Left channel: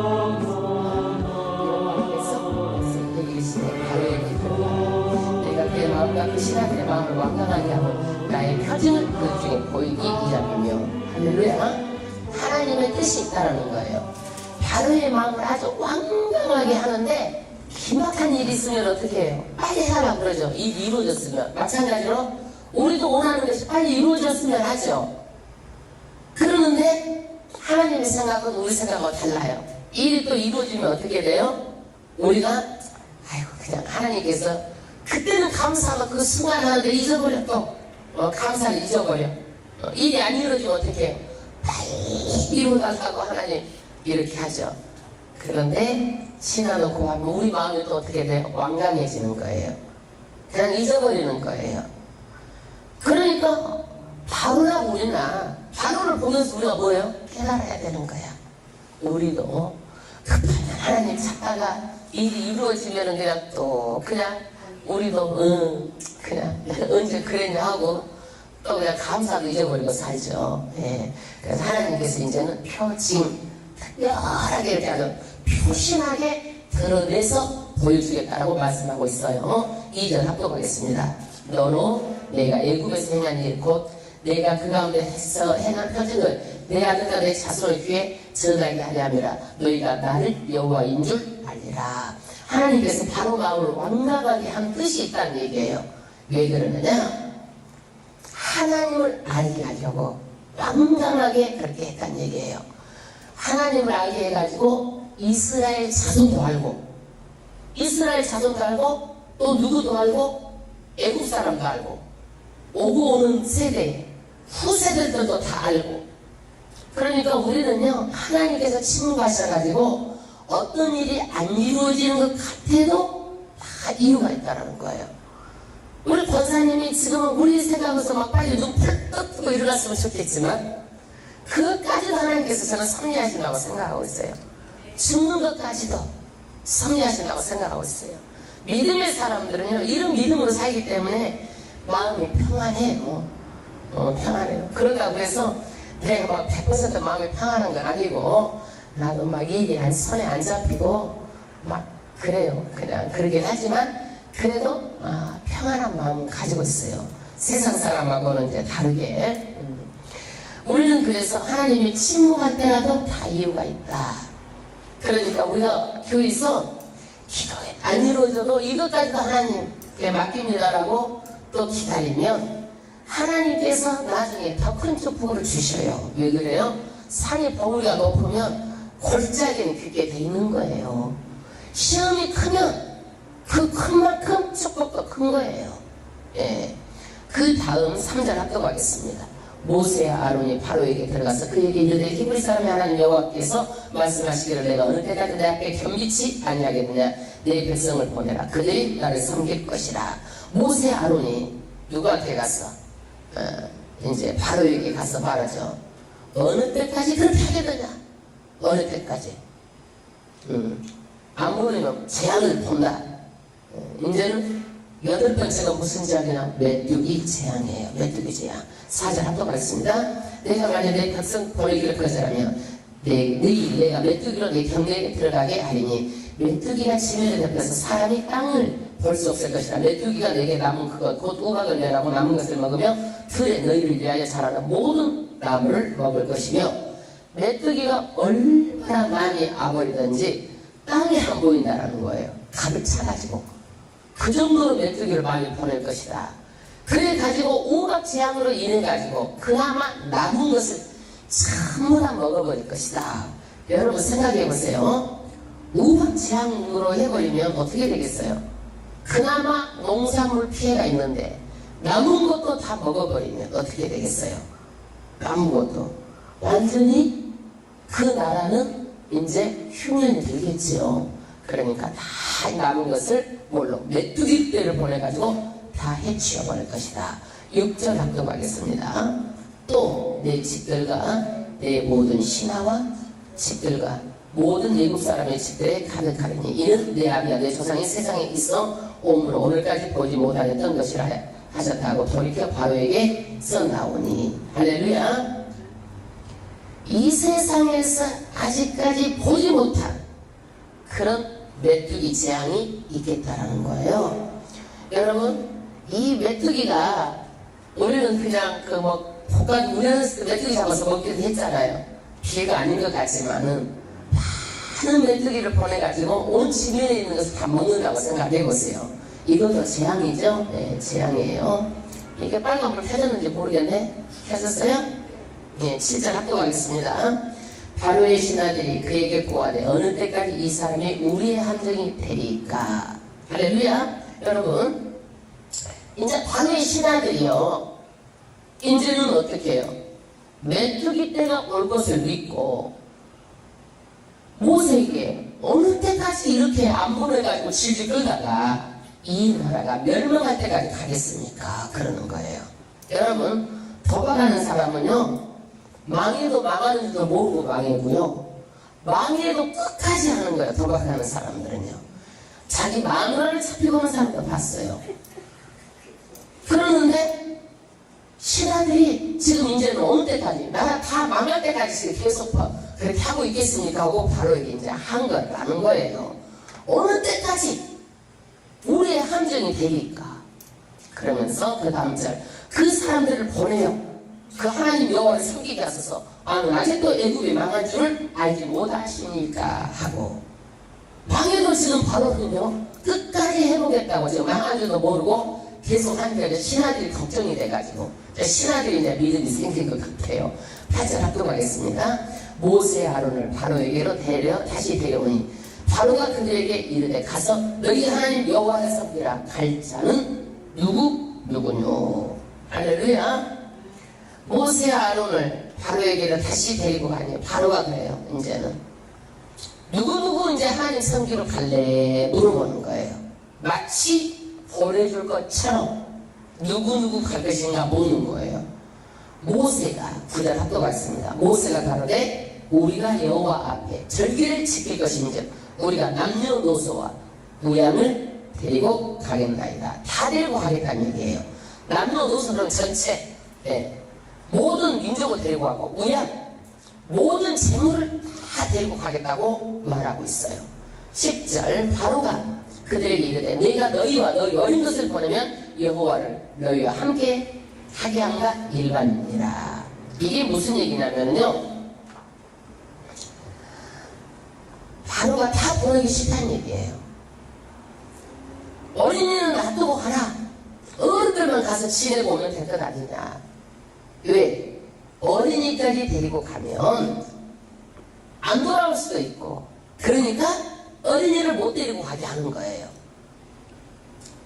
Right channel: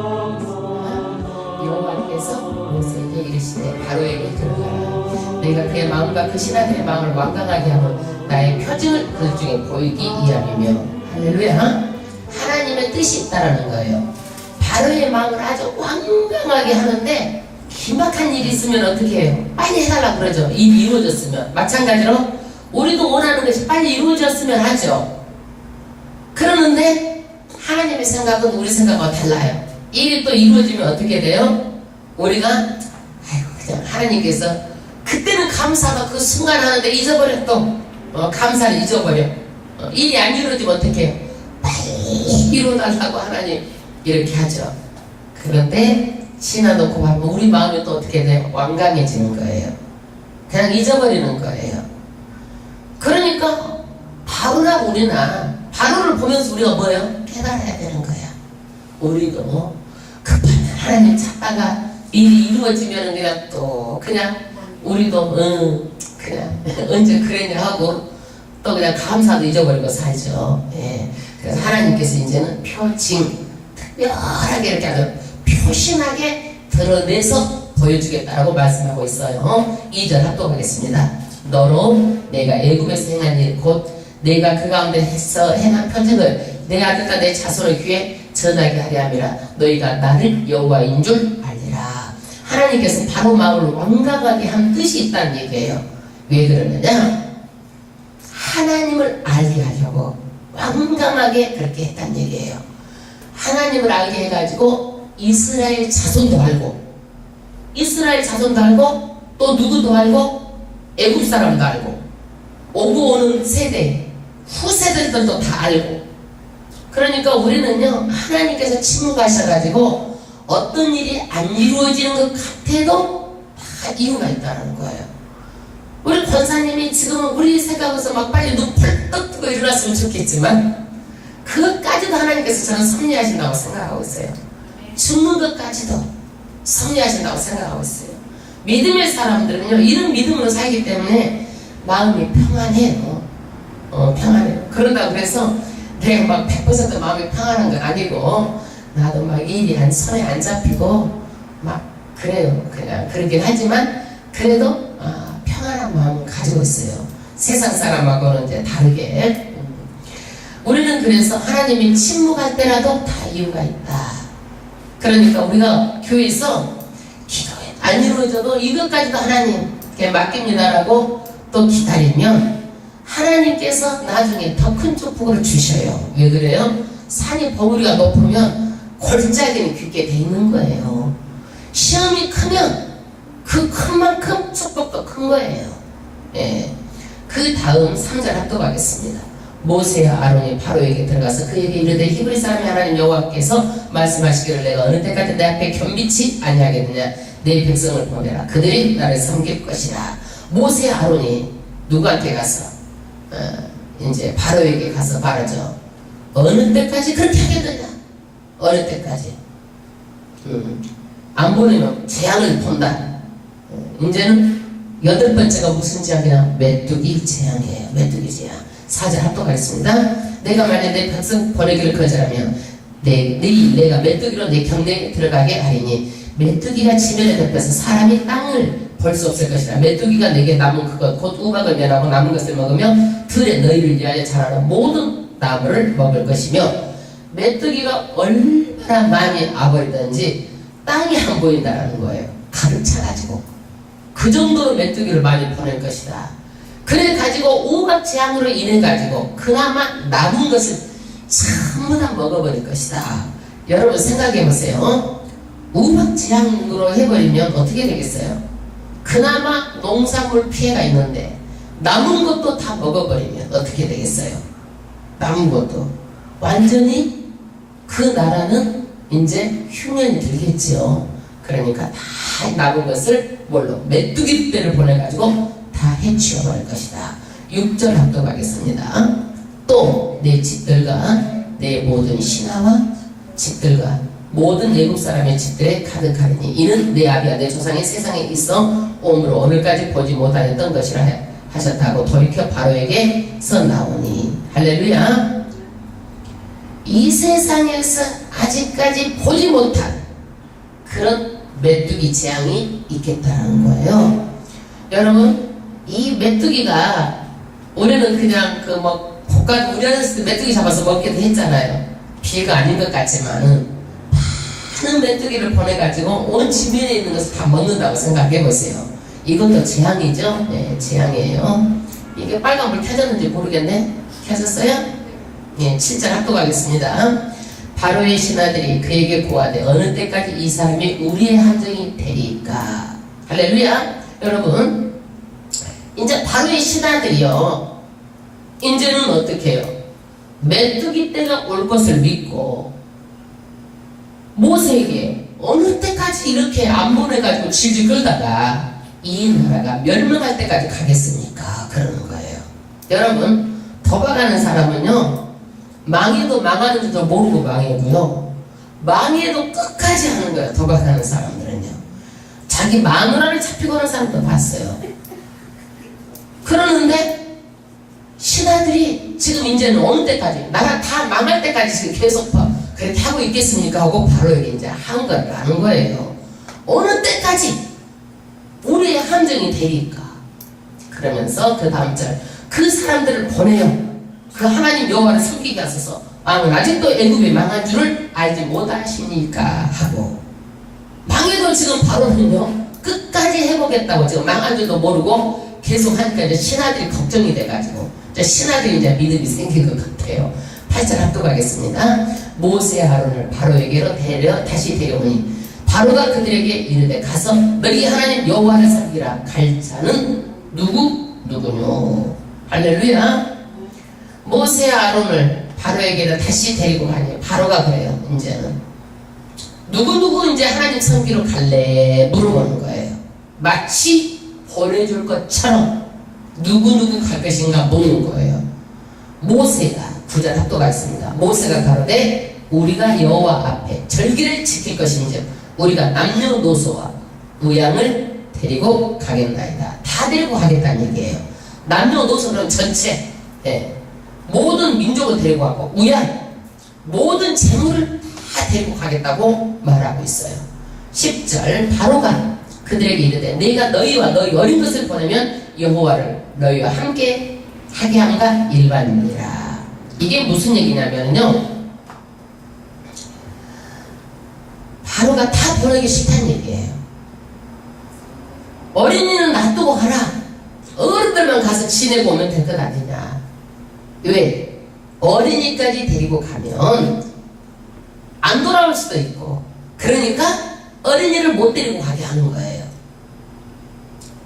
하겠습니다. 여호와께서 모세에게 이르시되 바로에게 들어가라. 내가 그의 마음과 그 신하들의 마음을 완강하게 하면 나의 표징을 그 중에 보이기 위함이며. 할렐루야. 하나님의 뜻이 있다라는 거예요. 바로의 마음을 아주 완강하게 하는데 기막한 일이 있으면 어떻게 해요? 빨리 해달라고 그러죠. 일이 이루어졌으면. 마찬가지로 우리도 원하는 것이 빨리 이루어졌으면 하죠. 그러는데 하나님의 생각은 우리 생각과 달라요. 일이 또 이루어지면 어떻게 돼요? 우리가 아이고 그냥 하나님께서 그때는 감사가 그 순간 하는데 잊어버려. 또 감사를 잊어버려. 일이 안 이루어지면 어떻게 해요? 빨리 이루어달라고 하나님 이렇게 하죠. 그런데 지나놓고 하면 우리 마음이 또 어떻게 돼요? 완강해지는 거예요. 그냥 잊어버리는 거예요. 그러니까 바로나 우리나 바로를 보면서 우리가 뭐예요? 깨달아야 되는 거야. 우리도 급하면 하나님 찾다가 일이 이루어지면 그냥 또 그냥 우리도 그냥 언제 그랬냐 하고 또 그냥 감사도 잊어버리고 살죠. 예. 그래서 하나님께서 이제는 표징 특별하게 이렇게 아주 표신하게 드러내서 보여주겠다고 말씀하고 있어요. 2절 합독하겠습니다. 너로 내가 애굽에서 행한 일 곧 내가 그 가운데 행한 표징을 내 아들과 내 자손의 귀에 전하게 하려 함이라. 너희가 나를 여호와인 줄 알리라. 하나님께서 바로 마음을 완강하게 한 뜻이 있다는 얘기예요. 왜 그러느냐? 하나님을 알게 하려고 완강하게 그렇게 했다는 얘기예요. 하나님을 알게 해가지고 이스라엘 자손도 알고 이스라엘 자손도 알고 또 누구도 알고 애굽 사람도 알고 오고 오는 세대 후세대들도 다 알고. 그러니까 우리는요 하나님께서 침묵하셔가지고 어떤 일이 안 이루어지는 것 같아도 다 이유가 있다는 거예요. 우리 권사님이 지금 우리 생각에서 막 빨리 눈 펄떡 뜨고 일어났으면 좋겠지만 그것까지도 하나님께서 저는 섭리하신다고 생각하고 있어요. 죽는 것까지도 섭리하신다고 생각하고 있어요. 믿음의 사람들은요 이런 믿음으로 살기 때문에 마음이 평안해요. 평안해요. 그런다고 해서 내가 막 100% 마음이 평안한 건 아니고 나도 막 일이 한 손에 안 잡히고 막 그래요. 그냥 그러긴 하지만 그래도 평안한 마음을 가지고 있어요. 세상 사람하고는 이제 다르게. 우리는 그래서 하나님이 침묵할 때라도 다 이유가 있다. 그러니까 우리가 교회에서 기도에 안 이루어져도 이것까지도 하나님께 맡깁니다라고 또 기다리면 하나님께서 나중에 더 큰 축복을 주셔요. 왜 그래요? 산이 버무리가 높으면 골짜기는 깊게 돼 있는 거예요. 시험이 크면 그 큰 만큼 축복도 큰 거예요. 예. 그 다음 3절 합독하겠습니다. 모세와 아론이 바로에게 들어가서 그에게 이르되 히브리 사람의 하나님 여호와께서 말씀하시기를 내가 어느 때까지 내 앞에 겸비치 아니하겠느냐. 내 백성을 보내라. 그들이 나를 섬길 것이라. 모세와 아론이 누구한테 가서 이제 바로에게 가서 말하죠. 어느 때까지 그렇게 하겠느냐. 어느 때까지. 안 보내면 재앙을 본다. 이제는 8번째가 무슨 재앙이냐? 메뚜기 재앙이에요. 메뚜기 재앙. 4절 합독하겠습니다. 내가 만약 내 백성 보내기를 거절하면 내가 메뚜기로 내 경내에 들어가게 하리니 메뚜기가 지면에 덮여서 사람이 땅을 볼 수 없을 것이라. 메뚜기가 내게 남은 그것 곧 우박을 면하고 남은 것을 먹으며 들에 너희를 위하여 자라는 모든 나무를 먹을 것이며 메뚜기가 얼마나 많이 아버리든지 땅이 안 보인다라는 거예요. 가득 차가지고 그 정도로 메뚜기를 많이 보낼 것이다. 그래 가지고 우박 재앙으로 인해 가지고 그나마 남은 것을 전부 다 먹어버릴 것이다. 여러분 생각해 보세요. 우박 재앙으로 해버리면 어떻게 되겠어요? 그나마 농산물 피해가 있는데 남은 것도 다 먹어버리면 어떻게 되겠어요? 남은 것도 완전히 그 나라는 이제 흉년이 들겠죠. 그러니까 다 남은 것을 뭘로? 메뚜기 떼를 보내가지고 다 해치워버릴 것이다. 6절 합독하겠습니다. 또 내 집들과 내 모든 신하와 집들과 모든 애국 사람의 집들에 가득하리니 이는 내 아비와 내 조상이 세상에 있어 오므로 오늘까지 보지 못하였던 것이라 하셨다고 돌이켜 바로에게서 나오니. 할렐루야. 이 세상에서 아직까지 보지 못한 그런 메뚜기 재앙이 있겠다라는 거예요. 여러분, 이 메뚜기가 우리는 그냥 그 뭐 볶아 우려서 메뚜기 잡아서 먹기도 했잖아요. 피해가 아닌 것 같지만은 많은 메뚜기를 보내가지고 온 지면에 있는 것을 다 먹는다고 생각해 보세요. 이것도 재앙이죠. 네, 재앙이에요. 이게 빨간불 켜졌는지 모르겠네. 켜졌어요? 예, 7절 합독하겠습니다. 바로의 신하들이 그에게 고하되 어느 때까지 이 사람이 우리의 함정이 되리까. 할렐루야. 여러분, 이제 바로의 신하들이요, 이제는 어떻게 해요? 메뚜기 때가 올 것을 믿고 모세에게 어느 때까지 이렇게 안 보내가지고 질질 끌다가 이 나라가 멸망할 때까지 가겠습니까? 그러는 거예요. 여러분, 도박하는 사람은요, 망해도 망하는 줄도 모르고 망해고요, 망해도 끝까지 하는 거예요. 도박하는 사람들은요. 자기 마누라를 잡히고 하는 사람도 봤어요. 그러는데 신하들이 지금 이제는 어느 때까지, 나라 다 망할 때까지 지금 계속 그렇게 하고 있겠습니까? 하고 바로 이제 한 걸 아는 거예요. 어느 때까지 우리의 함정이 되니까. 그러면서 그 다음 절, 그 사람들을 보내요. 그 하나님 여호와를 섬기게 하소서. 아직도 애굽이 망한 줄을 알지 못하십니까? 하고, 망해도 지금 바로는요, 끝까지 해보겠다고 지금 망한 줄도 모르고 계속 하니까 이제 신하들이 걱정이 돼가지고 이제 신하들이 이제 믿음이 생긴 것 같아요. 8절 합독하겠습니다. 모세 아론을 바로에게로 다시 데려오니 바로가 그들에게 이르되 가서 너희 하나님 여호와를 섬기라. 갈 자는 누구뇨. 할렐루야. 모세 아론을 바로에게로 다시 데리고 가니 바로가 그래요. 이제는 누구 이제 하나님 섬기러 갈래 물어보는 거예요. 마치 보내줄 것처럼 누구 갈 것인가 묻는 거예요. 모세가 9절 합도가 있습니다. 모세가 가로되 우리가 여호와 앞에 절기를 지킬 것인즉 우리가 남녀노소와 우양을 데리고 가겠나이다. 다 데리고 가겠다는 얘기예요. 남녀노소는 전체, 예, 모든 민족을 데리고 가고 우양, 모든 재물을 다 데리고 가겠다고 말하고 있어요. 10절 바로가 그들에게 이르되 내가 너희와 너희 어린 것을 보내면 여호와를 너희와 함께 하게 한가 일반이니라. 이게 무슨 얘기냐면요, 바로가 다 보내기 싫다는 얘기예요. 어린이는 놔두고 가라. 어른들만 가서 지내고 오면 될 것 아니냐. 왜? 어린이까지 데리고 가면 안 돌아올 수도 있고, 그러니까 어린이를 못 데리고 가게 하는 거예요.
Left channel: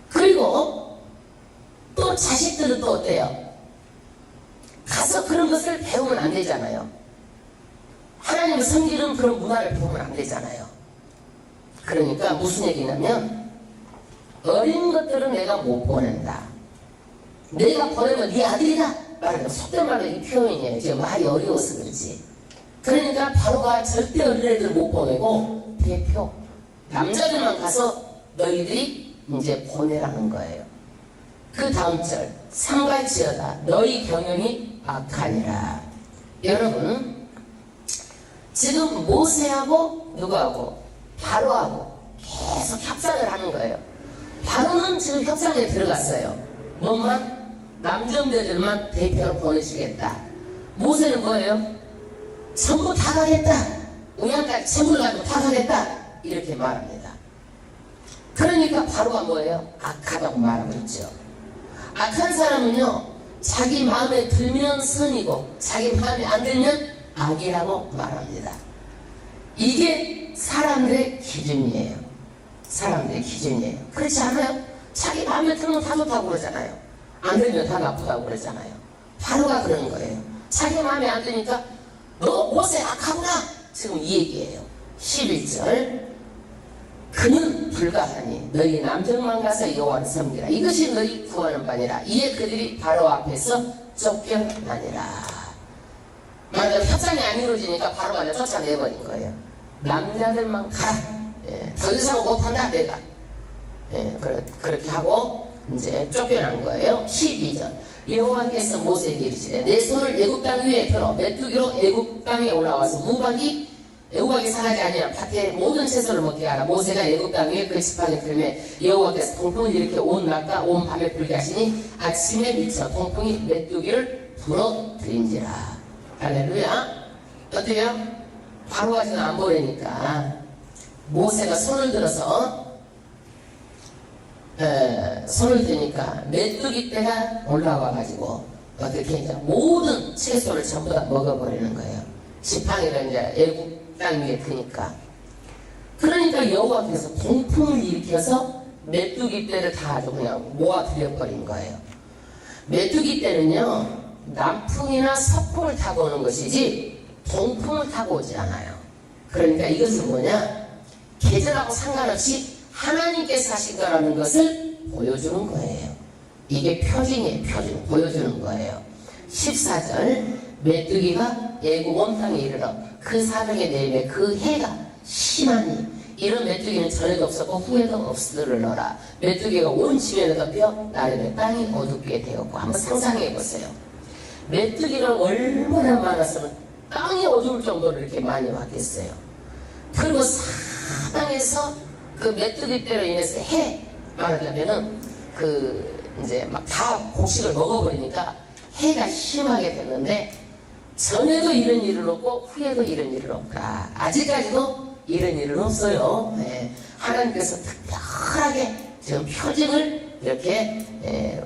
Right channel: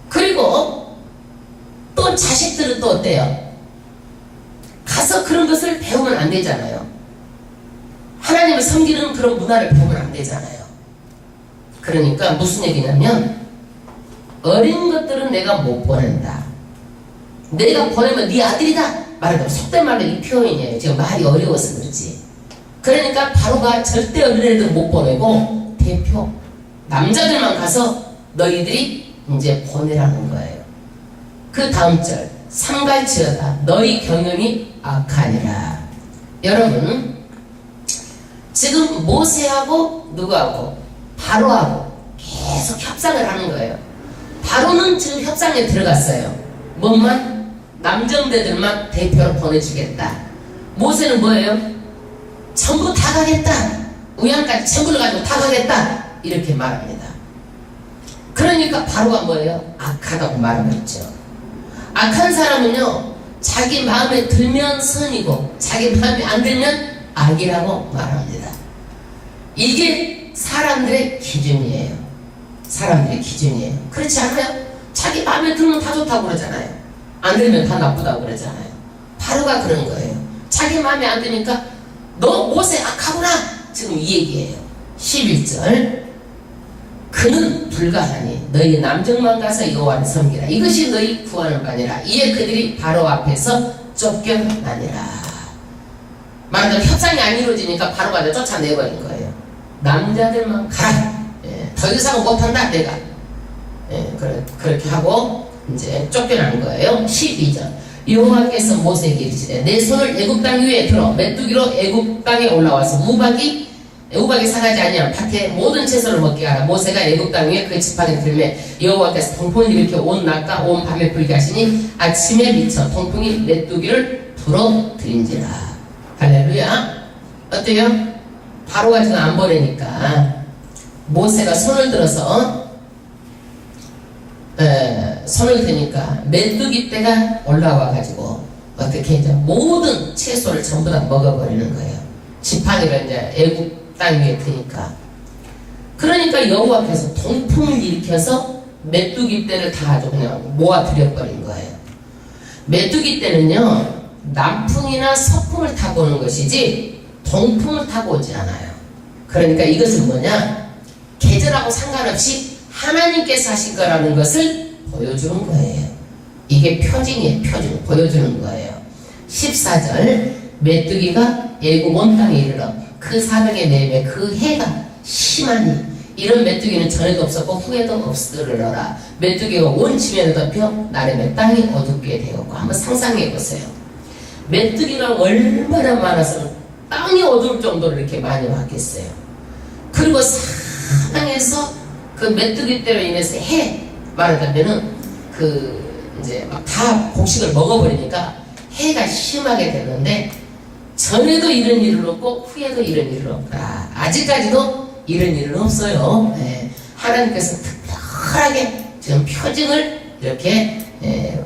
그리고 또 자식들은 또 어때요? 가서 그런 것을 배우면 안 되잖아요. 하나님을 섬기는 그런 문화를 배우면 안 되잖아요. 그러니까 무슨 얘기냐면 어린 것들은 내가 못 보낸다. 내가 보내면 네 아들이다. 말하자면 속된 말로 이 표현이에요. 지금 말이 어려워서 그렇지. 그러니까 바로가 절대 어린애들 못 보내고 대표 남자들만 가서 너희들이 이제 보내라는 거예요. 그 다음 절 삼갈지어다 너희 경영이 악하니라. 여러분, 지금 모세하고 누구하고? 바로하고 계속 협상을 하는 거예요. 바로는 지금 협상에 들어갔어요. 뭐만? 남정대들만 대표로 보내주겠다. 모세는 뭐예요? 전부 다 가겠다. 우양까지 전부를 가지고 다 가겠다. 이렇게 말합니다. 그러니까 바로가 뭐예요? 악하다고 말하고 있죠. 악한 사람은요, 자기 마음에 들면 선이고 자기 마음에 안 들면 악이라고 말합니다. 이게 사람들의 기준이에요. 사람들의 기준이에요. 그렇지 않아요? 자기 마음에 들면 다 좋다고 그러잖아요. 안 들면 다 나쁘다고 그러잖아요. 바로가 그런 거예요. 자기 마음에 안 드니까 너 모세 악하구나. 지금 이 얘기예요. 11절 그는 불가하니 너희 남정만 가서 여호와를 섬기라. 이것이 너희 구하는 바니라. 이에 그들이 바로 앞에서 쫓겨나니라. 말하자면 협상이 안 이루어지니까 바로가 쫓아내버린 거예요. 남자들만 가라. 예, 더 이상은 못한다 내가. 예, 그렇게 하고 이제 쫓겨난 거예요. 12절 여호와께서 모세에게 이르시되 내 손을 애굽 땅 위에 들어 메뚜기로 애굽 땅에 올라와서 무박이 우박이 상하지 아니하면 밭에 모든 채소를 먹게 하라. 모세가 애굽 땅 위에 그 지팡이를 들매 여호와께서 통풍을 일으켜 온 낮과 온 밤에 불게 하시니 아침에 미쳐 통풍이 메뚜기를 불어들인지라. 할렐루야. 어때요? 바로가 지금 안 보내니까 모세가 손을 들어서 손을 드니까 메뚜기 떼가 올라와 가지고 어떻게 이제 모든 채소를 전부 다 먹어버리는 거예요. 지팡이가 이제 애굽 땅 위에 드니까. 그러니까 여호와께서 동풍을 일으켜서 메뚜기 떼를 다 아주 그냥 모아들여버린 거예요. 메뚜기 떼는요 남풍이나 서풍을 타고 오는 것이지 동풍을 타고 오지 않아요. 그러니까 이것은 뭐냐, 계절하고 상관없이 하나님께서 하신 거라는 것을 보여주는 거예요. 이게 표징이에요. 표징 보여주는 거예요. 14절 메뚜기가 애굽 온 땅에 이르러 그 사명의 내에 그 해가 심하니 이런 메뚜기는 전에도 없었고 후에도 없으리라. 메뚜기가 온 지면에 덮여 나름의 땅이 어둡게 되었고. 한번 상상해 보세요. 메뚜기가 얼마나 많았으면 땅이 어두울 정도로 이렇게 많이 왔겠어요. 그리고 사방에서 그 메뚜기 때로 인해서 말하자면은 이제 막 다 곡식을 먹어버리니까 해가 심하게 됐는데 전에도 이런 일은 없고 후에도 이런 일은 없다. 아직까지도 이런 일은 없어요. 하나님께서 특별하게 지금 표징을 이렇게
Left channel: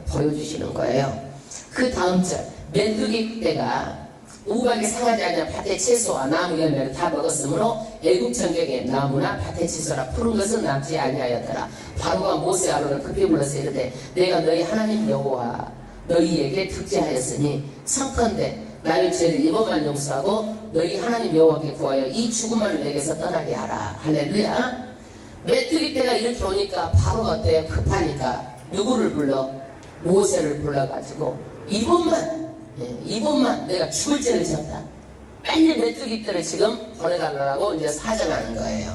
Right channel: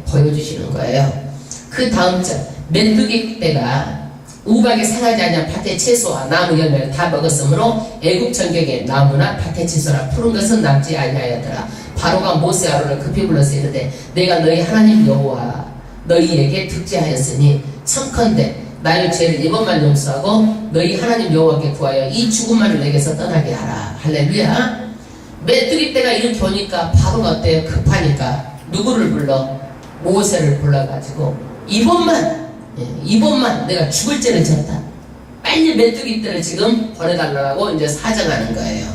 보여주시는 거예요. 그 다음 절 메뚜기 떼가 우박이 상하지 아니한 밭의 채소와 나무 열매를 다 먹었으므로 애굽 전경에 나무나 밭의 채소나 푸른 것은 남지 아니하였더라. 바로가 모세 아론을 급히 불러서 이르되 내가 너희 하나님 여호와 너희에게 특지하였으니 청컨대 나의 죄를 이번만 용서하고 너희 하나님 여호와께 구하여 이 죽음만을 내게서 떠나게 하라. 할렐루야. 메뚜기 떼가 이렇게 오니까 바로가 어때요? 급하니까 누구를 불러? 모세를 불러가지고 이번만 내가 죽을 죄를 지었다. 빨리 메뚜기 떼를 지금 보내달라고 이제 사정하는 거예요.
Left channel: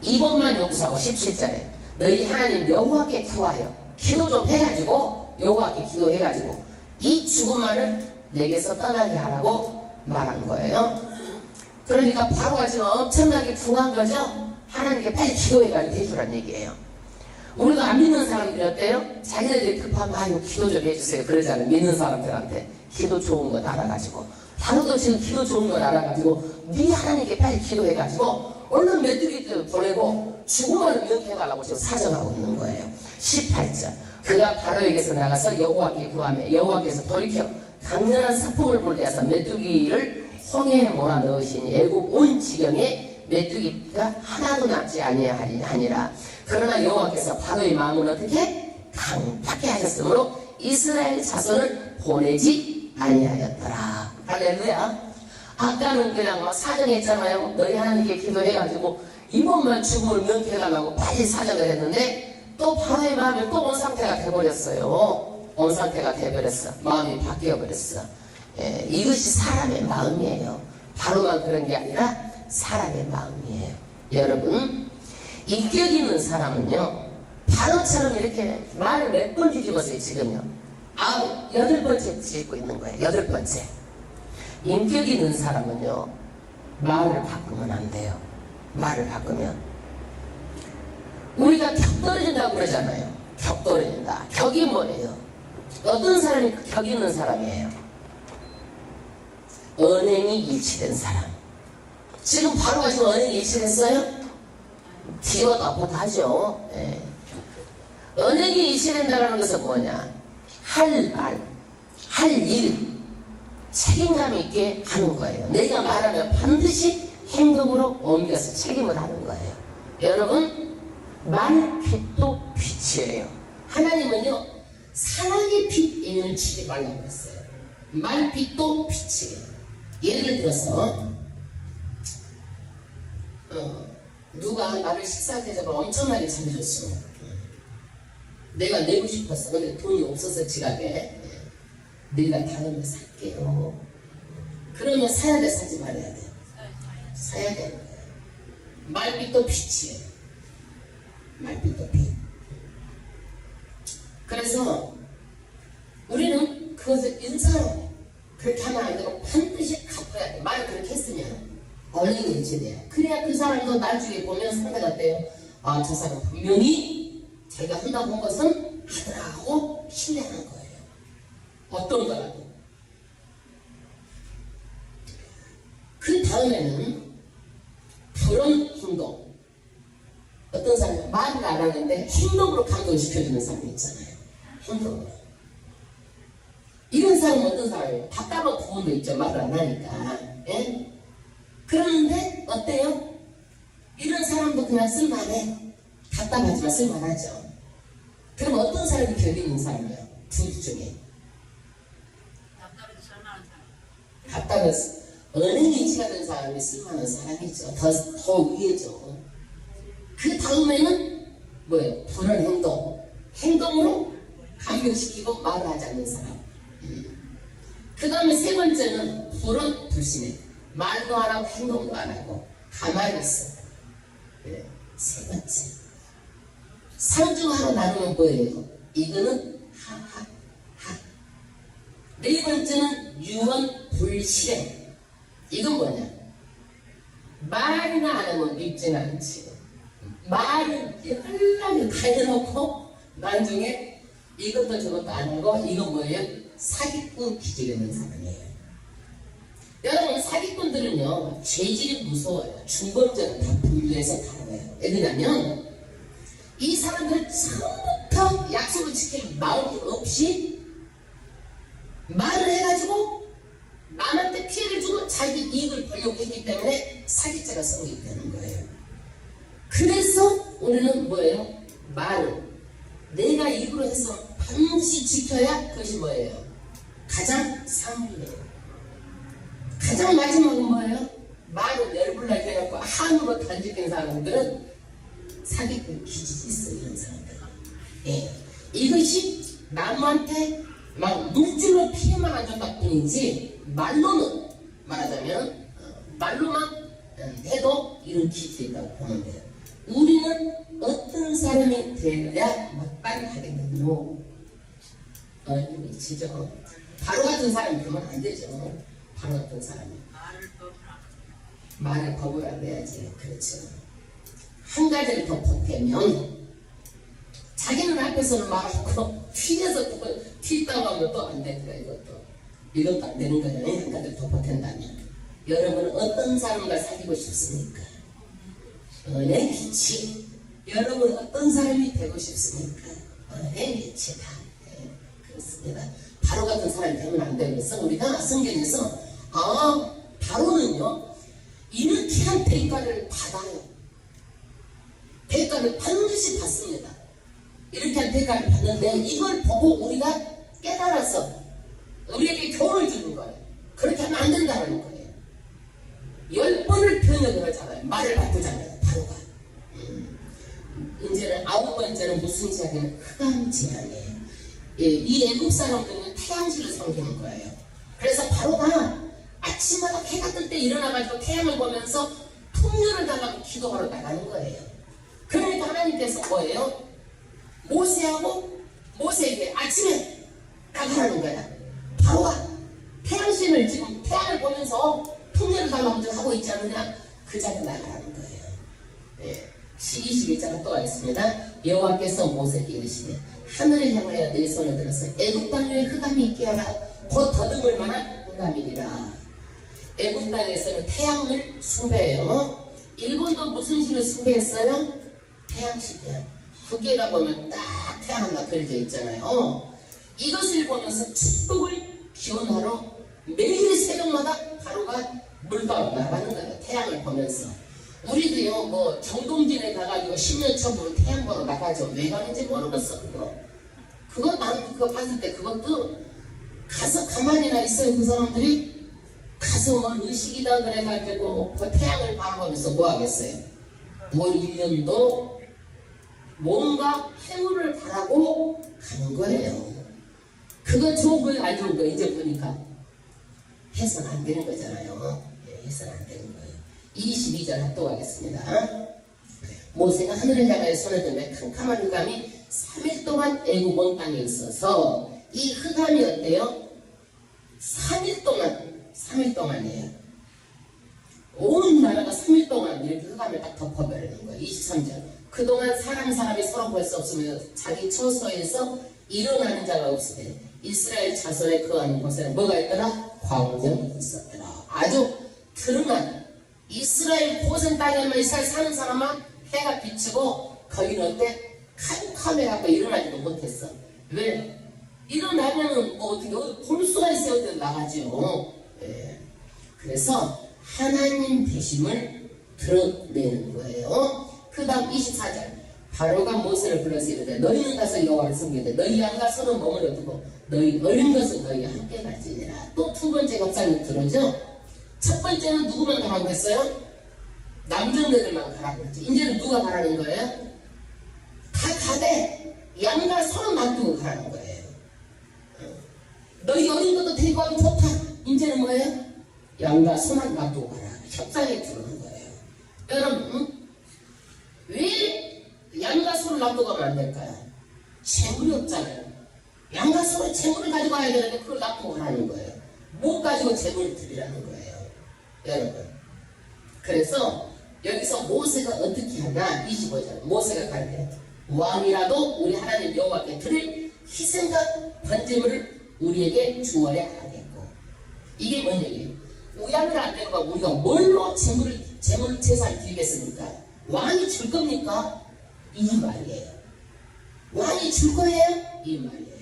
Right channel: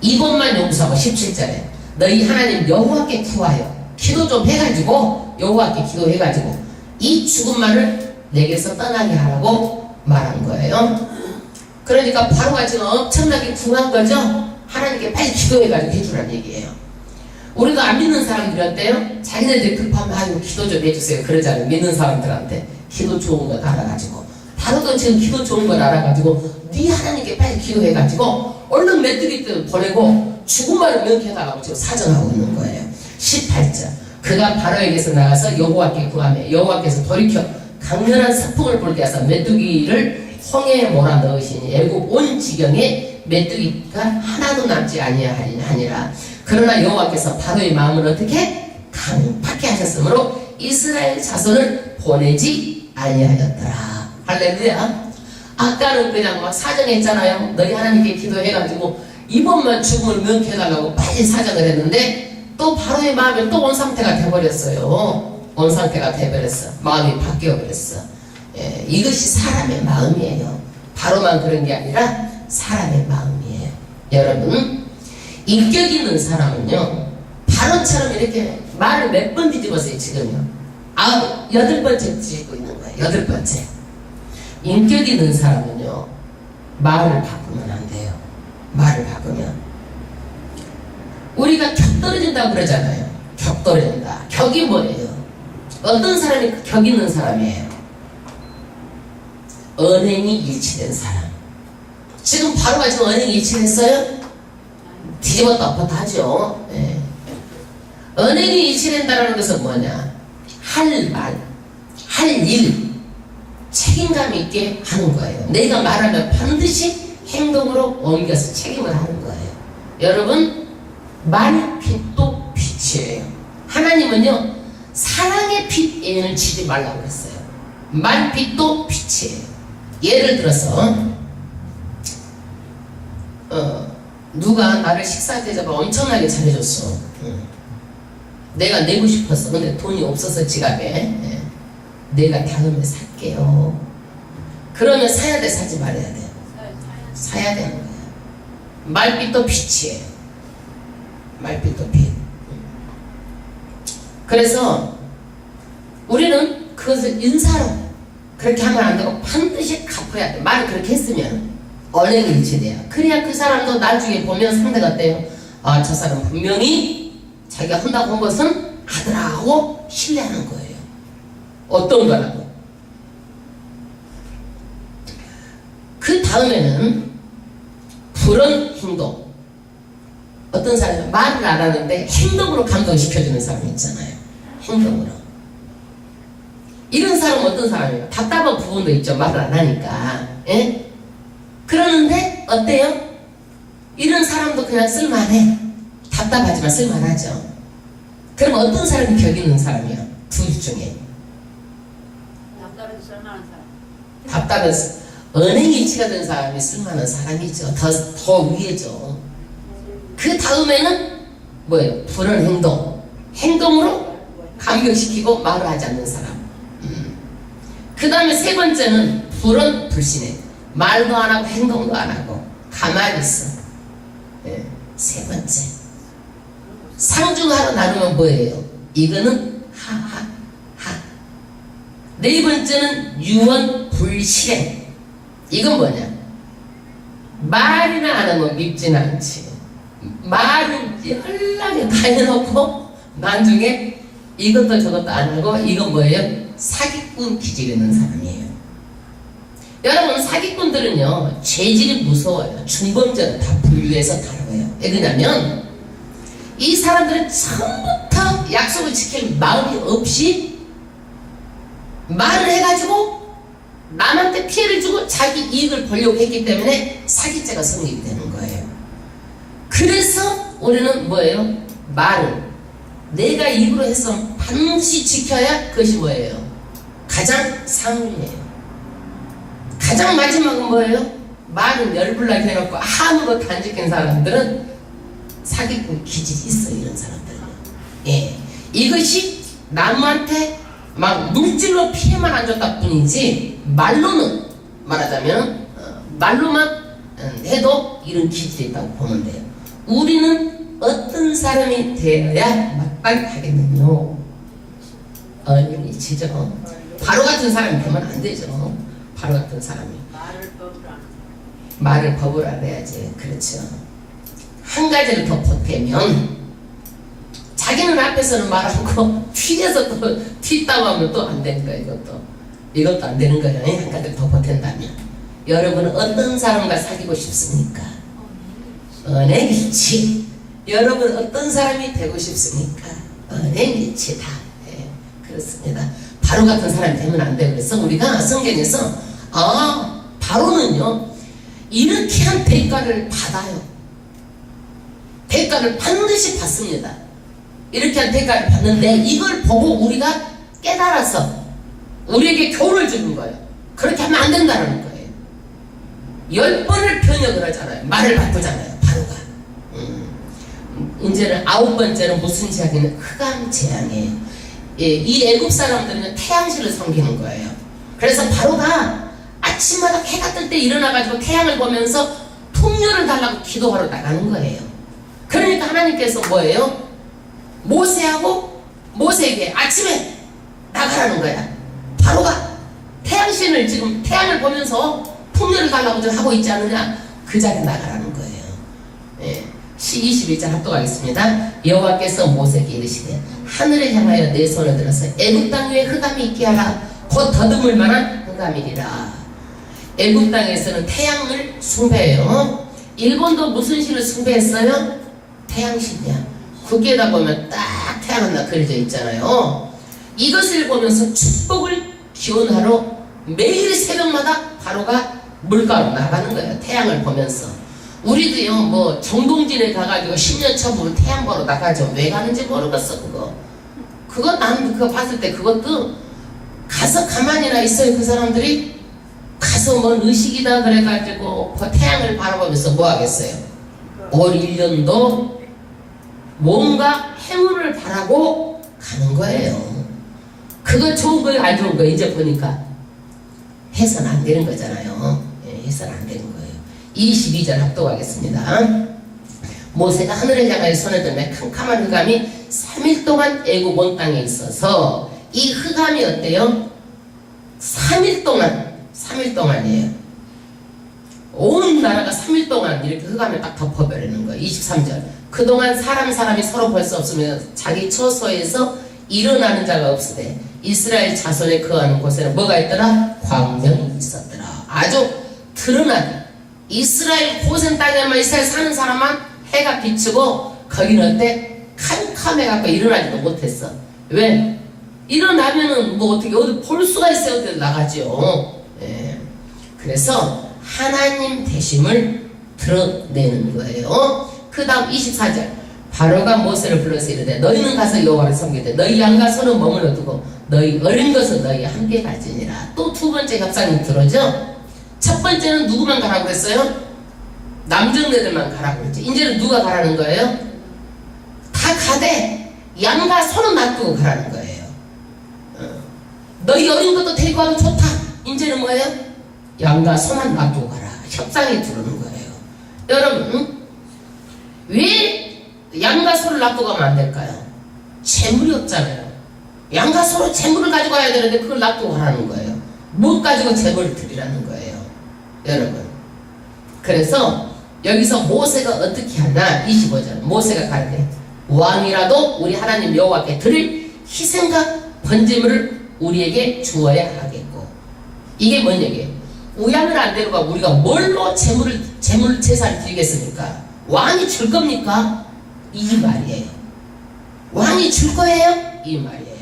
이번만 용서하고 17절에 너희 하나님 여호와께 구하여 기도 좀 해가지고 여호와께 기도해가지고 이 죽음만을 내게서 떠나게 하라고 말한 거예요. 그러니까 바로가 지금 엄청나게 궁한 거죠. 하나님께 빨리 기도해가지고 해주라는 얘기예요. 우리도 안 믿는 사람들이 어때요? 자기네들이 급하면 아유 기도 좀 해주세요 그러잖아요. 믿는 사람들한테 기도 좋은 걸 알아가지고. 바로도 지금 기도 좋은 걸 알아가지고 네 하나님께 빨리 기도해가지고 얼른 메뚜기 떼를 보내고 죽음만을 명쾌해달라고 지금 사정하고 있는 거예요. 18절 그가 바로에게서 나가서 여호와께 구하며 여호와께서 돌이켜 강렬한 서풍을 불게 하사 메뚜기를 홍해에 몰아넣으시니 애굽 온 지경에 메뚜기가 하나도 남지 아니하니라. 그러나 여호와께서 바로의 마음을 어떻게 강팍해 하셨으므로 이스라엘 자손을 보내지 아니하였더라. 할렐루야. 아까는 그냥 막 사정했잖아요. 너희 하나님께 기도해가지고 이번만 죽음을 명쾌해달라고 빨리 사정을 했는데 또 바로의 마음이 또 온 상태가 돼버렸어요. 온 상태가 돼버렸어. 마음이 바뀌어버렸어. 이것이 사람의 마음이에요. 바로만 그런 게 아니라 사람의 마음이에요. 여러분, 인격 있는 사람은요 바로처럼 이렇게 말을 몇 번 뒤집었어요. 지금요 8번째 뒤집고 있는 거예요. 8번째. 인격 있는 사람은요 말을 바꾸면 안 돼요. 말을 바꾸면 우리가 격 떨어진다고 그러잖아요. 격 떨어진다. 격이 뭐예요? 어떤 사람이 격 있는 사람이에요? 언행이 일치된 사람. 지금 바로가 지금 언행이 일치됐어요? 뒤집었다 엎었다 하죠. 언행이 일치된다는 것은 뭐냐? 할 말, 할 일, 책임감 있게 하는 거예요. 내가 말하면 반드시 행동으로 옮겨서 책임을 하는 거예요. 여러분, 말빛도 빛이에요. 하나님은요 사랑의 빛에는 지지 말라고 그랬어요. 말빛도 빛이에요. 예를 들어서 누가 나를 식사 대접을 엄청나게 잘해줬어. 내가 내고 싶었어. 근데 돈이 없어서 지갑에 내가 다음에 살게요. 그러면 사야 돼, 사지 말아야 돼? 사야 되는 거야. 말빛도 빛이에요. 말빛도 빛. 그래서 우리는 그것을 인사로 그렇게 하면 안 되고 반드시 갚아야 돼. 말을 그렇게 했으면 언행이 일치돼요. 그래야 그 사람도 나중에 보면 상대가 어때요? 아, 저 사람 분명히 자기가 한다고 한 것은 하더라 하고 신뢰하는 거예요. 어떤 거라고? 그 다음에는 그런 행동. 어떤 사람이 말을 안 하는데 행동으로 감동시켜주는 사람이 있잖아요. 행동으로. 이런 사람은 어떤 사람이에요? 답답한 부분도 있죠. 말을 안 하니까. 예? 그러는데 어때요? 이런 사람도 그냥 쓸만해. 답답하지만 쓸만하죠. 그럼 어떤 사람이 격 있는 사람이야? 둘 중에. 답답해서 언행일치가 된 사람이 쓸만한 사람이죠. 더 위에죠. 그 다음에는 뭐예요? 불안 행동. 행동으로 감격시키고 말을 하지 않는 사람. 그 다음에 세 번째는 불안 불신해. 말도 안 하고 행동도 안 하고 가만히 있어. 네. 세 번째. 상중하로 나누면 뭐예요? 이거는 하하하. 네 번째는 유언 불실행. 이건 뭐냐? 말이나 안 하면 밉지는 않지. 말은 연락에 다 해놓고 나중에 이것도 저것도 안 하고 이건 뭐예요? 사기꾼 기질이 있는 사람이에요. 여러분 사기꾼들은요 죄질이 무서워요. 중범죄로 다 분류해서 다뤄요. 왜 그러냐면 이 사람들은 처음부터 약속을 지킬 마음이 없이 말을 해가지고 남한테 피해를 주고 자기 이익을 벌려고 했기 때문에 사기죄가 성립이 되는 거예요. 그래서 우리는 뭐예요? 말을 내가 입으로 해서 반드시 지켜야 그것이 뭐예요? 가장 상위예요. 가장 마지막은 뭐예요? 말은 열불나게 해놓고 아무것도 안 지킨 사람들은 사기꾼 기질이 있어요. 이런 사람들은. 예. 이것이 남한테 막 물질로 피해만 안 줬다 뿐이지 말로는 말하자면 말로만 해도 이런 기질이 있다고 보면 돼요. 우리는 어떤 사람이 되어야 마땅하겠느냐? 언행일치죠. 바로 같은 사람이 되면 안 되죠. 바로 같은 사람이 말을 법을 알아야지. 그렇죠. 한 가지를 더 보태면 자기는 앞에서는 말하고 뒤에서 또 튀다고 하면 또 안 되는 거예요. 이것도 안 되는 거예요. 한 가지를 더 보탠다면 여러분은 어떤 사람과 사귀고 싶습니까? 언행일치. 여러분 어떤 사람이 되고 싶습니까? 언행일치다. 네, 그렇습니다. 바로 같은 사람이 되면 안 돼요. 그래서 우리가 성경에서 바로는요 이렇게 한 대가를 받아요. 대가를 반드시 받습니다. 이렇게 한 대가를 받는데 이걸 보고 우리가 깨달아서 우리에게 교훈을 주는 거예요. 그렇게 하면 안 된다는 거예요. 10번을 변역을 하잖아요. 말을 바꾸잖아요. 바로가. 이제는 9번째는 무슨 제약이냐? 흑암 재앙이에요. 예, 이 애굽 사람들은 태양신을 섬기는 거예요. 그래서 바로가 아침마다 해가 뜰 때 일어나가지고 태양을 보면서 풍요를 달라고 기도하러 나가는 거예요. 그러니까 하나님께서 뭐예요? 모세에게 아침에 나가라는 거야. 바로가 태양신을 지금 태양을 보면서 풍요를 달라고 좀 하고 있지 않느냐? 그 자리에 나가라는 거예요. 예. 21절 합독하겠습니다. 여호와께서 모세에게 이르시되 하늘을 향하여 내 손을 들어서 애굽 땅 위에 흑암이 있게 하라. 곧 더듬을 만한 흑암이리라. 애굽 땅에서는 태양을 숭배해요. 일본도 무슨 신을 숭배했어요? 태양신이야. 국기에다 보면 딱 태양 하나 그려져 있잖아요. 이것을 보면서 축복을 기원하러 매일 새벽마다 바로가 물가로 나가는 거예요. 태양을 보면서. 우리도요 뭐 정동진에 가가지고 10년 처음 태양 보러 나가죠. 왜 가는지 모르겠어. 난 그거 봤을 때 그것도 가서 가만히나 있어요. 그 사람들이 가서 뭔 의식이다 그래가지고 그 태양을 바라보면서 뭐 하겠어요? 올 1년도 뭔가 행운을 바라고 가는 거예요. 그거 좋은 거예요? 안 좋은 거예요? 이제 보니까 해서는 안 되는 거잖아요. 해서는 안 되는 거예요. 22절 합독하겠습니다. 모세가 하늘을 향하여 손을 들며 캄캄한 흑암이 3일 동안 애굽 온 땅에 있어서 이 흑암이 어때요? 3일 동안이에요. 온 나라가 3일 동안 이렇게 흑암에 딱 덮어버리는 거예요. 23절. 그동안 사람이 서로 볼 수 없으면 자기 처소에서 일어나는 자가 없으되 이스라엘 자손에 거하는 곳에는 뭐가 있더라? 광명이 있었더라. 아주 드러난 이스라엘 고센 땅에만 이스라엘 사는 사람만 해가 비치고 거기는 어때? 캄캄해갖고 일어나지도 못했어. 왜? 일어나면은 뭐 어떻게 어디 볼 수가 있어요? 어디 나가죠. 예. 그래서 하나님 되심을 드러내는 거예요. 그 다음 24절. 바로가 모세를 불러서 이르되 너희는 가서 여호와를 섬기되 너희 양과 소는 머물러 두고 너희 어린 것은 너희 함께 가지니라. 또 두 번째 협상이 들어오죠. 첫 번째는 누구만 가라고 그랬어요? 남정네들만 가라고 그랬죠. 이제는 누가 가라는 거예요? 다 가되 양과 소는 놔두고 가라는 거예요. 너희 어린 것도 데리고 와도 좋다. 이제는 뭐예요? 양과 소만 놔두고 가라. 협상이 들어오는 거예요. 여러분, 왜 양과 소를 놔두고 가면 안 될까요? 재물이 없잖아요. 양과 소로 재물을 가지고 와야 되는데 그걸 놔두고 가라는 거예요. 못 가지고 재물을 드리라는 거예요. 여러분. 그래서 여기서 모세가 어떻게 하나? 25절. 모세가 가르쳐 왕이라도 우리 하나님 여호와께 드릴 희생과 번제물을 우리에게 주어야 하겠고. 이게 뭔 얘기예요? 우양을 안 데려가 우리가 뭘로 재물 제사를 드리겠습니까? 왕이 줄 겁니까? 이 말이에요. 왕이 줄 거예요? 이 말이에요.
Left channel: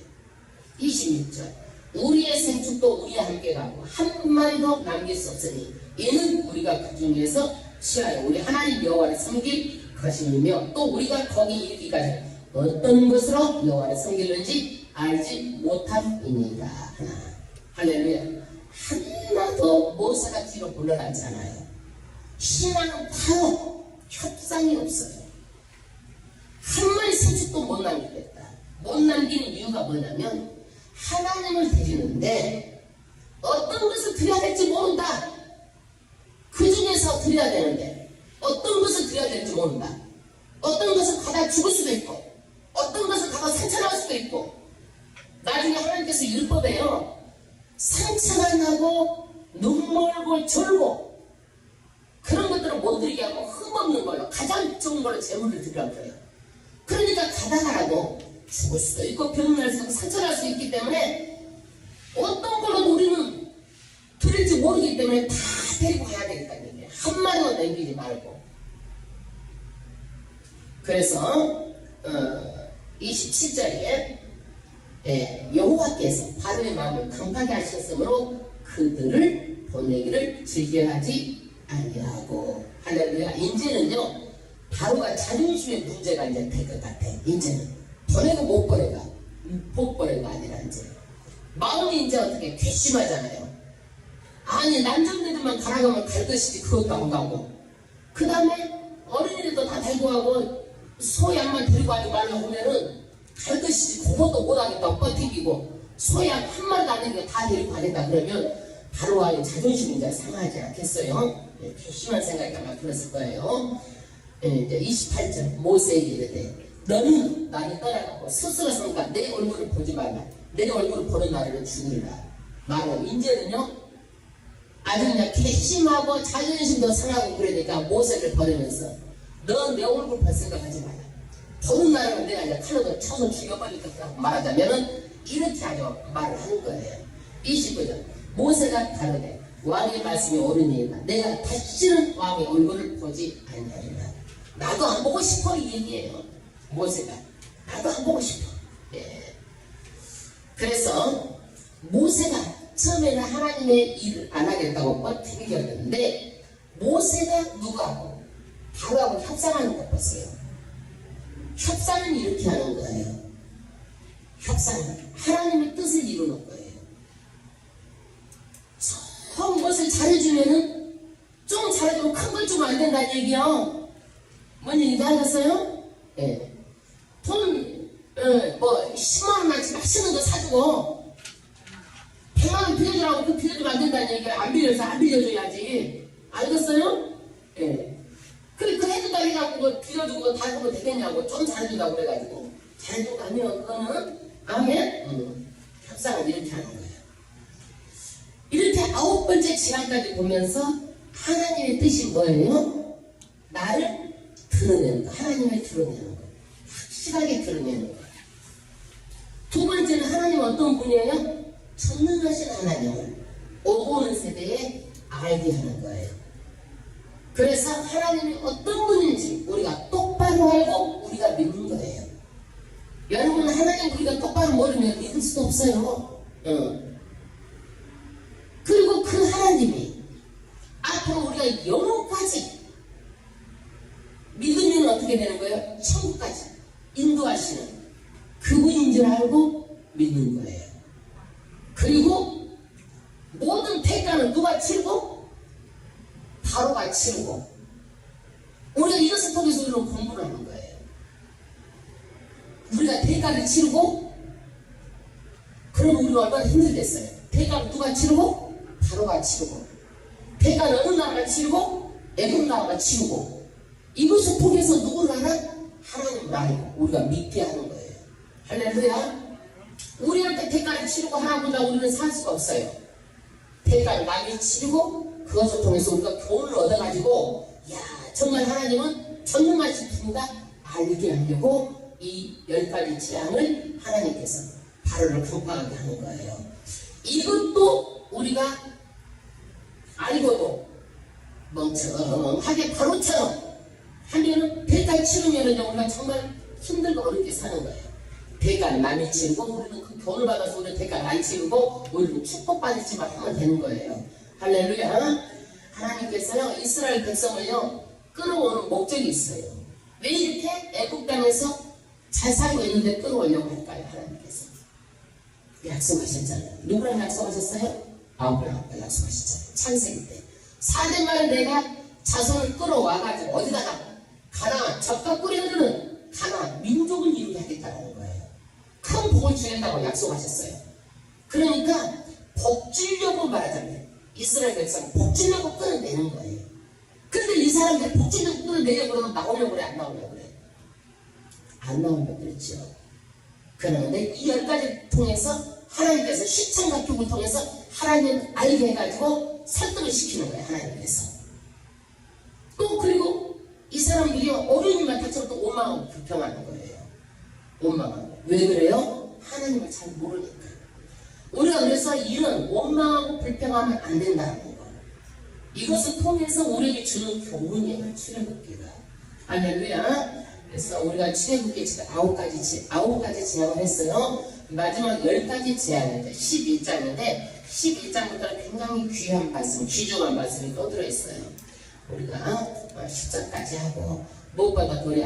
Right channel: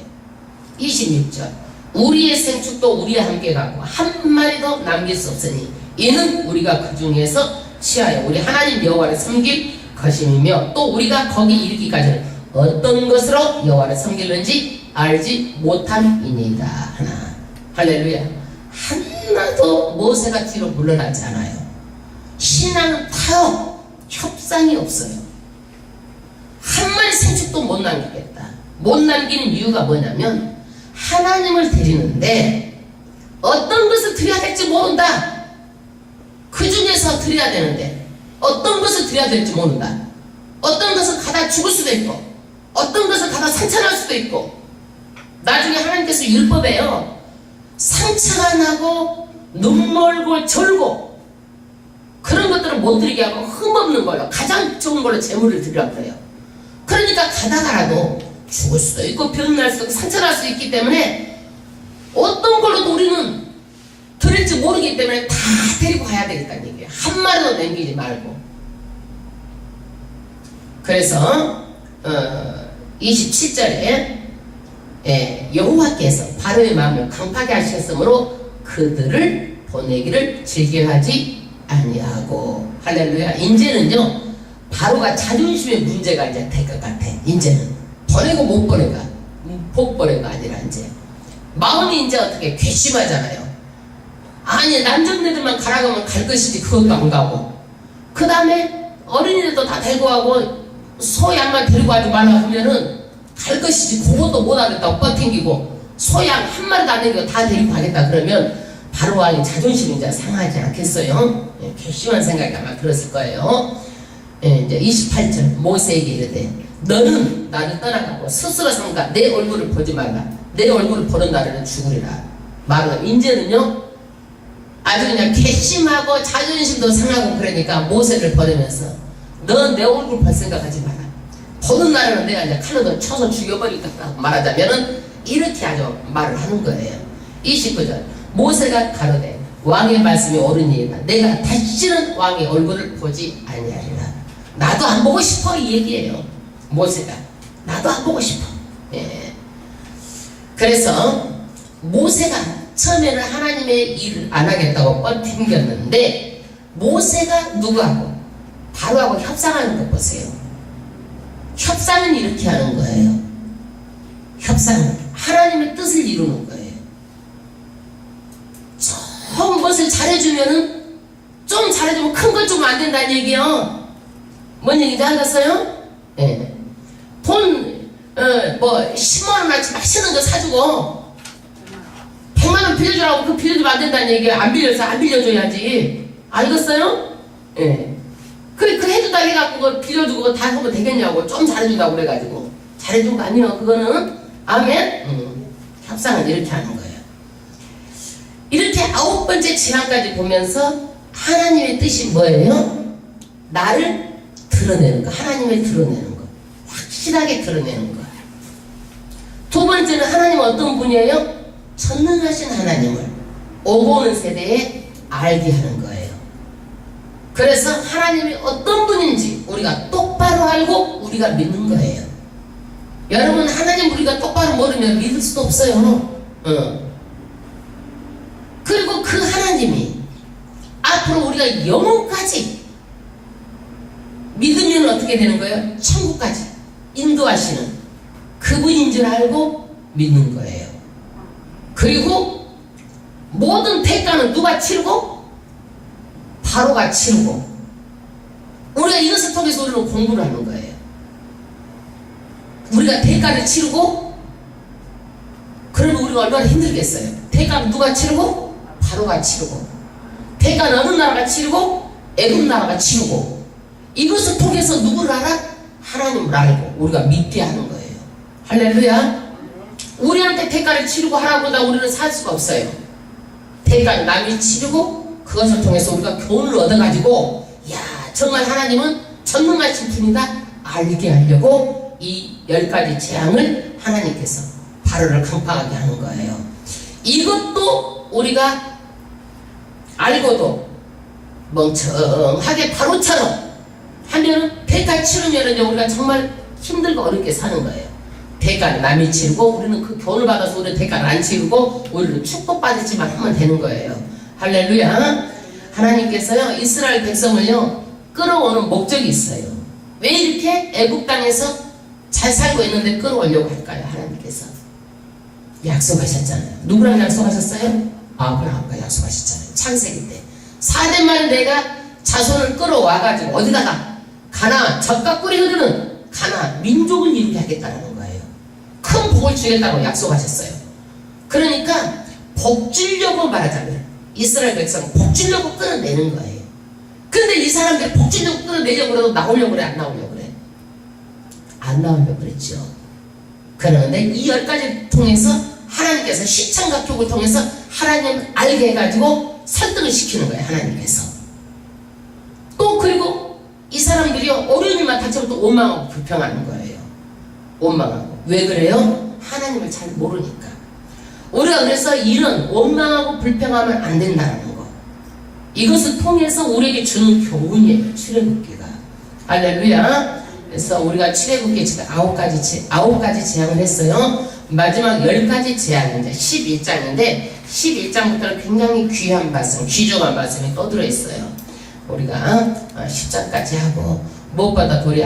26절. 우리의 생축도 우리와 함께 가고 한 마리도 남길 수 없으니 이는 우리가 그 중에서 취하여 우리 하나님 여호와를 섬길 것임이며 또 우리가 거기 이르기까지는 어떤 것으로 여호와를 섬기는지 알지 못함이니이다 하나. 할렐루야. 하나도 모세가 뒤로 물러나지 않아요. 신앙은 타협, 협상이 없어요. 한 마리 생축도 못 남기겠다. 못 남기는 이유가 뭐냐면 하나님을 드리는데 어떤 것을 드려야 될지 모른다. 그 중에서 드려야 되는데 어떤 것을 드려야 될지 모른다. 어떤 것은 가다 죽을 수도 있고 어떤 것은 가다 상처날 수도 있고 나중에 하나님께서 율법에요. 상처가 나고 눈멀고 절고 그런 것들은 못 드리게 하고 흠없는 걸로 가장 좋은 걸로 재물을 드리라고 해요. 그러니까 가다가라도 죽을 수도 있고 병날 수도 있고 상처날 수도 있기 때문에 어떤 걸로도 우리는 드릴지 모르기 때문에 다 데리고 가야 되겠다는 얘기예요. 한 마리도 남기지 말고. 그래서 27절에 여호와께서 바로의 마음을 강팍하게 하셨으므로 그들을 보내기를 즐겨하지 아니하고. 할렐루야. 이제는요 바로가 자존심의 문제가 이제 될 것 같아. 이제는 보내고 못 보내가 복 보내가 아니라 이제 마음이 이제 어떻게 괘씸하잖아요. 아니 남정네들만 가라고 하면 갈 것이지 그것도 안 가고 그 다음에 어린이들도 다 데리고 가고 소 양만 데리고 가지 말라고 하면은 갈 것이지 그것도 못 하겠다고 버팅기고 소 양 한 마리도 안 남기고 다 데리고 가겠다 그러면 바로 왕이 자존심이 이제 상하지 않겠어요? 괘씸한 생각이 아마 들었을 거예요. 이제 28절 모세에게 이르되 너는 나를 떠나가고 스스로 삼가 내 얼굴을 보지 말라. 내 얼굴을 보는 날에는 죽으리라. 말은 이제는요 아주 그냥 괘씸하고 자존심도 상하고 그러니까 모세를 버리면서 너 내 얼굴 볼 생각하지 마라. 보는 날에는 내가 이제 칼로 쳐서 죽여버리겠다 말하자면은 이렇게 아주 말을 하는 거예요. 29절 모세가 가로되 왕의 말씀이 옳으니이다. 내가 다시는 왕의 얼굴을 보지 아니하리라. 나도 안 보고 싶어 이 얘기예요. 모세가 나도 안 보고 싶어. 그래서 모세가 처음에는 하나님의 일을 안 하겠다고 뻗튕겼는데 모세가 누구하고 바로하고 협상하는 거 보세요. 협상은 이렇게 하는 거예요. 협상은 하나님의 뜻을 이루는 거예요. 좀 것을 잘해주면은 좀 잘해주면 큰 걸 주면 안 된다는 얘기요. 뭔 얘기인지 알겠어요? 돈 10만원어치 맛있는 거 사주고 100만원 빌려주라고 그 빌려주면 안 된다는 얘기예요. 안 빌려서 안 빌려줘야지. 알겠어요? 그래 해주다 해갖고 그거 빌려주고 다 하면 되겠냐고. 좀 잘해준다고 그래가지고 잘해준 거 아니에요. 그거는 아멘. 협상은 이렇게 하는 거예요. 이렇게 9번째 진화까지 보면서 하나님의 뜻이 뭐예요? 나를 드러내는 거. 하나님을 드러내는 거. 확실하게 드러내는 거. 두 번째는 하나님은 어떤 분이에요? 전능하신 하나님을 오고 오는 세대에 알게 하는 거예요. 그래서 하나님이 어떤 분인지 우리가 똑바로 알고 우리가 믿는 거예요. 여러분, 하나님 우리가 똑바로 모르면 믿을 수도 없어요. 그리고 그 하나님이 앞으로 우리가 영혼까지 믿으면 어떻게 되는 거예요? 천국까지 인도하시는 그분인 줄 알고 믿는 거예요. 그리고 모든 대가는 누가 치르고? 바로가 치르고. 우리가 이것을 통해서 우리는 공부를 하는 거예요. 우리가 대가를 치르고, 그러면 우리가 얼마나 힘들겠어요. 대가는 누가 치르고? 바로가 치르고. 대가는 어느 나라가 치르고? 애굽 나라가 치르고. 이것을 통해서 누구를 알아? 하나님을 알고 우리가 믿게 하는 거예요. 할렐루야. 우리한테 대가를 치르고 하라보다 우리는 살 수가 없어요. 대가는 남이 치르고 그것을 통해서 우리가 교훈을 얻어가지고, 야, 정말 하나님은 전능하신 분이다 알게 하려고 이 10가지 재앙을 하나님께서 바로를 강팍하게 하는 거예요. 이것도 우리가 알고도 멍청하게 바로처럼 하면은 대가 치르면은 우리가 정말 힘들고 어렵게 사는 거예요. 대가는 남이 치르고 우리는 그 교훈을 받아서 우리는 대가를 안 치르고 우리는 축복받았지만 하면 되는 거예요. 할렐루야. 하나님께서요 이스라엘 백성을요 끌어오는 목적이 있어요. 왜 이렇게 애국 땅에서 잘 살고 있는데 끌어오려고 할까요? 하나님께서 약속하셨잖아요. 누구랑 약속하셨어요? 아브라함과 약속하셨잖아요. 창세기 때 4대 만에 내가 자손을 끌어와가지고 어디다가 가나안 젖과 꿀이 흐르는 가나안 민족을 이루게 하겠다는 거예요. 큰 복을 주겠다고 약속하셨어요. 그러니까 복 주려고 말하자면 이스라엘 백성은 복 주려고 끌어내는 거예요. 근데 이 사람들이 복 주려고 끌어내려고 그래도 나오려고 그래? 안 나오려고 그래? 안 나오려고 그랬죠. 그런데 이 10가지 통해서 하나님께서 시청각 교육을 통해서 하나님을 알게 해가지고 설득을 시키는 거예요. 하나님께서. 또 그리고 이 사람들이 어려운 일만 닥쳐도 또 원망하고 불평하는 거예요. 원망하고. 왜 그래요? 하나님을 잘 모르니까. 우리가 그래서 이런 원망하고 불평하면 안 된다는 거. 이것을 통해서 우리에게 주는 교훈이에요. 출애굽기가. 할렐루야. 그래서 우리가 출애굽기 지금 9가지 재앙을 했어요. 마지막 10가지 재앙인데 11장인데 11장부터는 굉장히 귀한 말씀, 귀중한 말씀이 또 들어있어요. 우리가 10장까지 하고 무엇보다 우리